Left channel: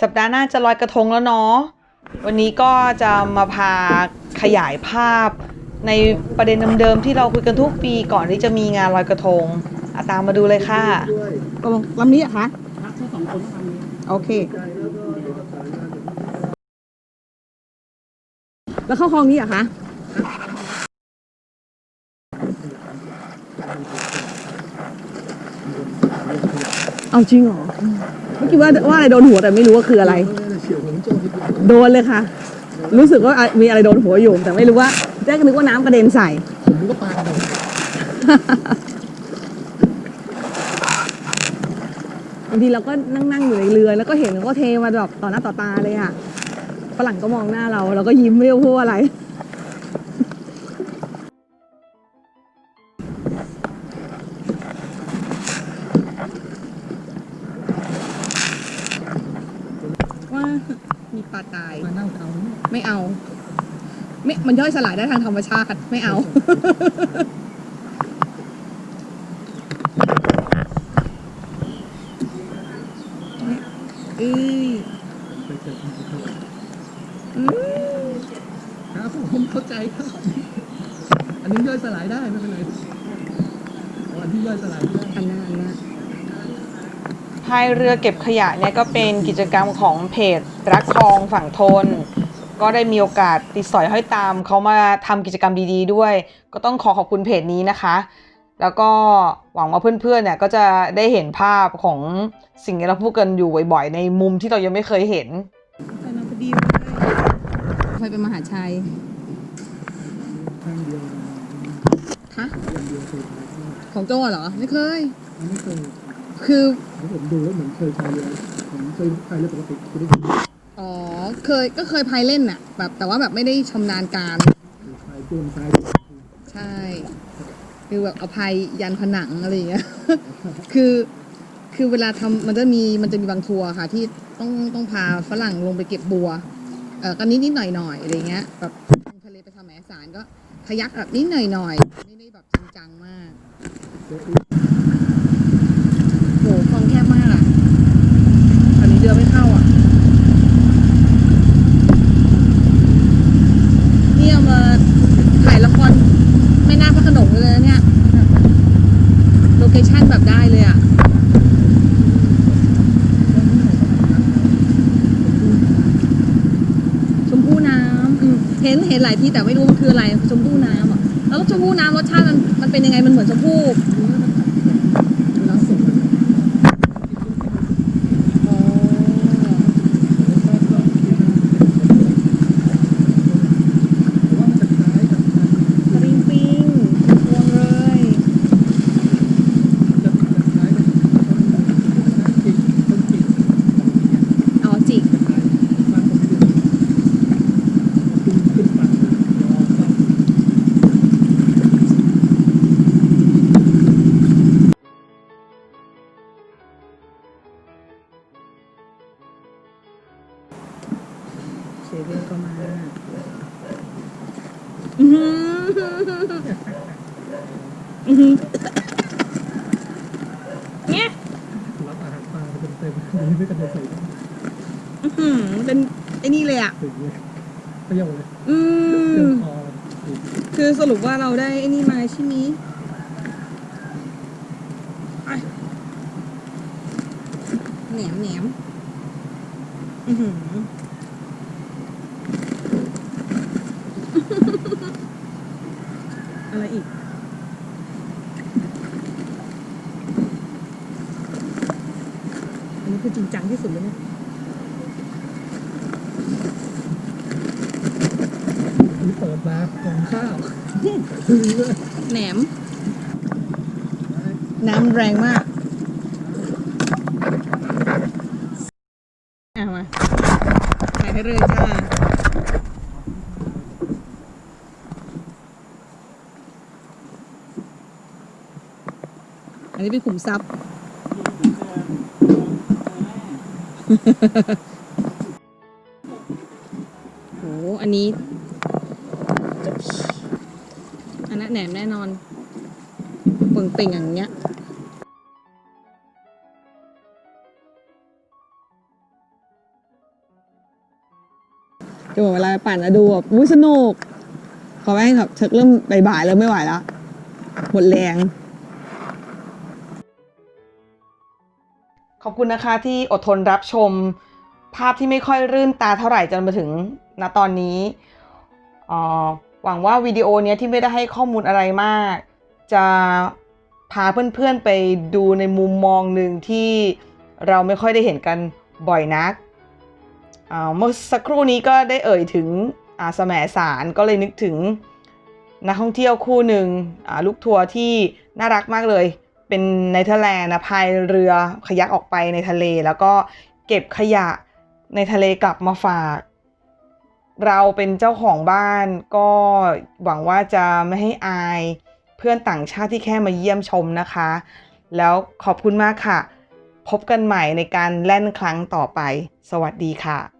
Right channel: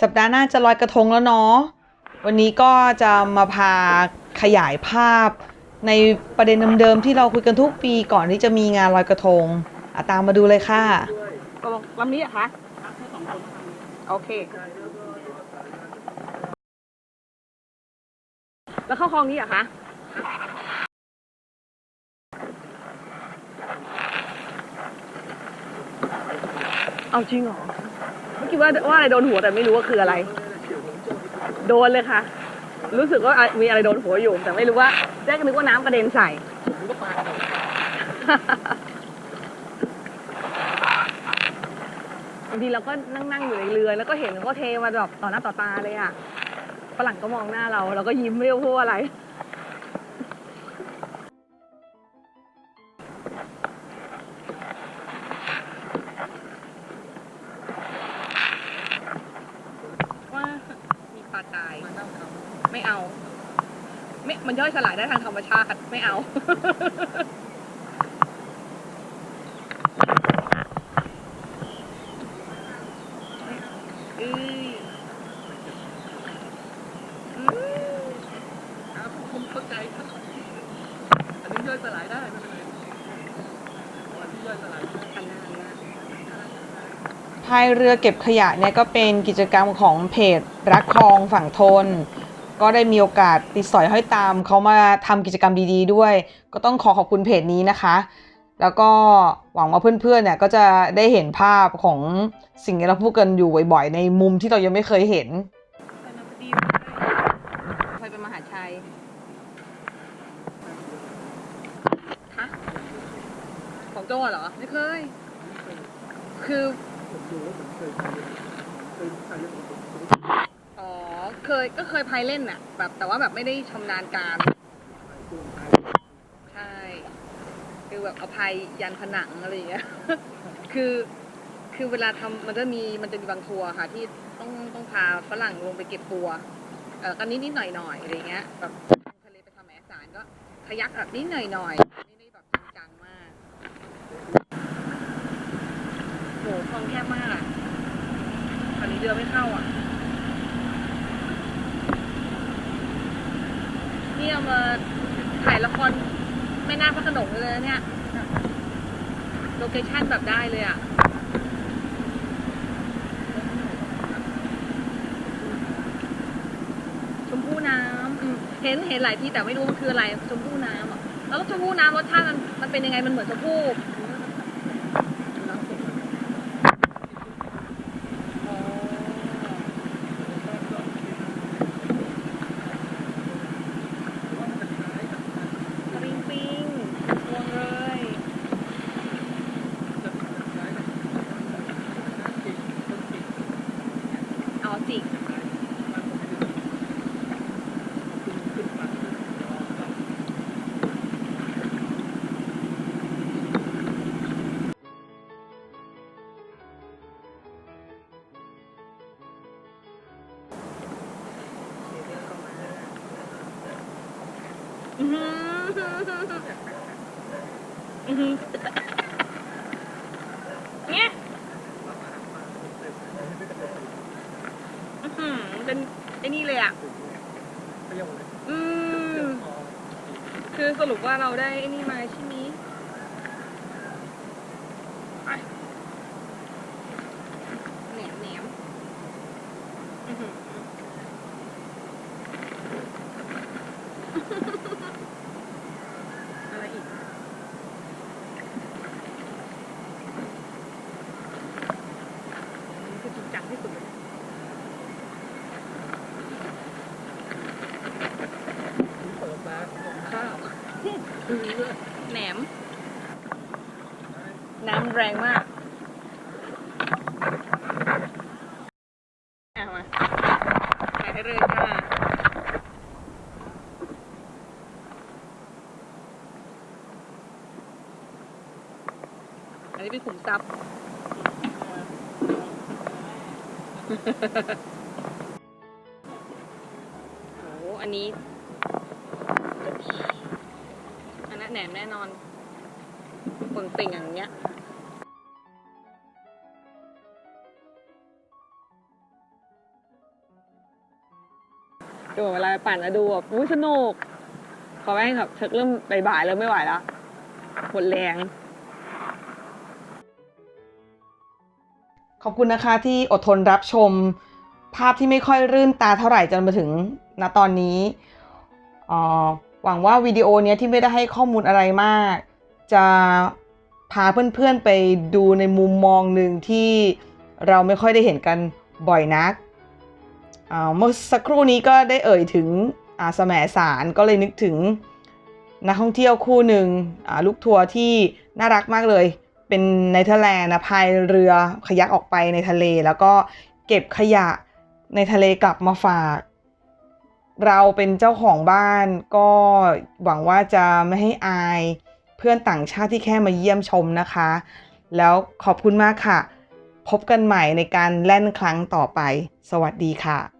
สัปดาห์หน้าจะลอยกระทงแล้วเนาะ วันนี้ก็จะมาพาขยายภาพ ในประเด็นเดิมๆที่เราคุยกันทุกปีก่อนที่จะมีงานลอยกระทงอะตามมาดูเลยค่ะตกลงลำนี้อะคะโอเค แล้วเข้าห้องนี้อะคะเอาจริงเหรอ เมื่อกี้ว่าว่าอะไรโดนหัวแต่ไม่รู้ว่าคืออะไร โดนเลยค่ะ รู้สึกว่ามีอะไรโดนหัวอยู่แต่ไม่รู้ว่าแรกก็นึกว่าน้ำกระเด็นใส่บางทีเราก็นั่งนั่งอยู่ในเรือแล้วก็เห็นแล้วก็เทมาแบบต่อหน้าต่อตาเลยอะฝรั่งก็มองหน้าเราเราก็ยิ้มไม่รู้พูดอะไราตาย ไม่เอา ไม่ มันย่อยสลายได้ทางธรรมชาติ ไม่เอา อืออืมครับผมเข้าใจครับ อันนี้ย่อยสลายได้ไม่เป็นไรอันที่ย่อยสลายไม่ได้อันนั้นอันนั้น พายเรือเก็บขยะเนี่ยก็เป็นกิจกรรมของเพจรักคลองฝั่งทน ก็ได้มีโอกาสติดสอยห้อยตามเขามาทำกิจกรรมดีๆด้วย ก็ต้องขอขอบคุณเพจนี้นะคะ แล้วก็หวังว่าเพื่อนๆเนี่ยก็จะได้เห็นภาพของสิ่งที่เราพูดกันอยู่บ่อยๆ ในมุมที่เรายังไม่เคยเห็นอันนั้นพอดีเลยเคยเป็นมหาชัยฮะของโจ้เหรอ ไม่เคยไม่เคย คือผมดูแล้วเหมือนเคยพายเรือผมเคยพายเรือปกติคือได้พอ๋อเคยก็เคยพายเล่นน่ะแบบแต่ว่าแบบไม่ได้ชำนาญการายเตือนซ้าย ใช่ คือแบบเอาพายยันผนังอะไรอย่างเงี้ย คือ คือเวลาทำมันจะมีมันจะมีบางทัวร์ค่ะ ที่ต้องต้องพาฝรั่งลงไปเก็บบัว เออก็นิดนิดหน่อยหน่อยอะไรเงี้ยแบบลงทะเลไปทำแหมสารก็ ขยักแบบนิดหน่อยหน่อยๆไม่ได้แบบจริงจังมากคลองแคบมากอะตอนนี้เรือไม่เข้าอะ เนี่ยมาถ่ายละครแม่นาคพระโขนงเลยนะเนี่ย โล เคชั่นแบบได้เลยอะชมพู่น้ำอืมเห็นเห็นหลายที่แต่ไม่รู้มันคืออะไรชมพู่น้ำอะแล้วชมพู่น้ำรสชาติมันมันเป็นยังไงมันเหมือนชมพู่ เนี่ยอาหารปลาเต็มเต็มๆไม่กันเลยอื้อหือเป็นไอ้นี่เลยอะเปรี้ยวเลยอืมคอคือสรุปว่าเราได้ไอ้นี่มาใช่ไหมไปแหนมแหนมอือหืออะไรอีก อันนี้ คือจริงจังที่สุดเลยเนี่ยเปิดมากองข้าวแหนม น้ำแรงมากเอามาใส่ให้เลยจ้าอันนี้เป็นขุมทรัพย์ โห อันนี้อันนั้นแหนมแน่นอนเป่งเป่งๆอย่างเงี้ยอแบบเวลาปั่นแล้วดูแบบอุ้ยสนุกพอแม่งแบบเชิกเริ่มบ่ายๆเริ่มไม่ไหวแล้วหมดแรง อบคุณนะคะที่อดทนรับชม ภาพที่ไม่ค่อยรื่นตาเท่าไหร่จนมาถึงณตอนนี้อ่อหวังว่าวิดีโอนี้ที่ไม่ได้ให้ข้อมูลอะไรมาก จะพาเพื่อนๆไปดูในมุมมองหนึ่งที่เราไม่ค่อยได้เห็นกันบ่อยนักอ่าเมื่อสักครู่นี้ก็ได้เอ่ยถึงอาแสมสารก็เลยนึกถึงนักท่องเที่ยวคู่หนึ่งลูกทัวร์ที่น่ารักมากเลย เป็นในเธอร์แลนด์นะพายเรือขยักออกไปในทะเล แล้วก็เก็บขยะในทะเลกลับมาฝาก เราเป็นเจ้าของบ้านก็หวังว่าจะไม่ให้อายเพื่อนต่างชาติที่แค่มาเยี่ยมชมนะคะ แล้วขอบคุณมากค่ะ พบกันใหม่ในการแล่นครั้งต่อไป สวัสดีค่ะ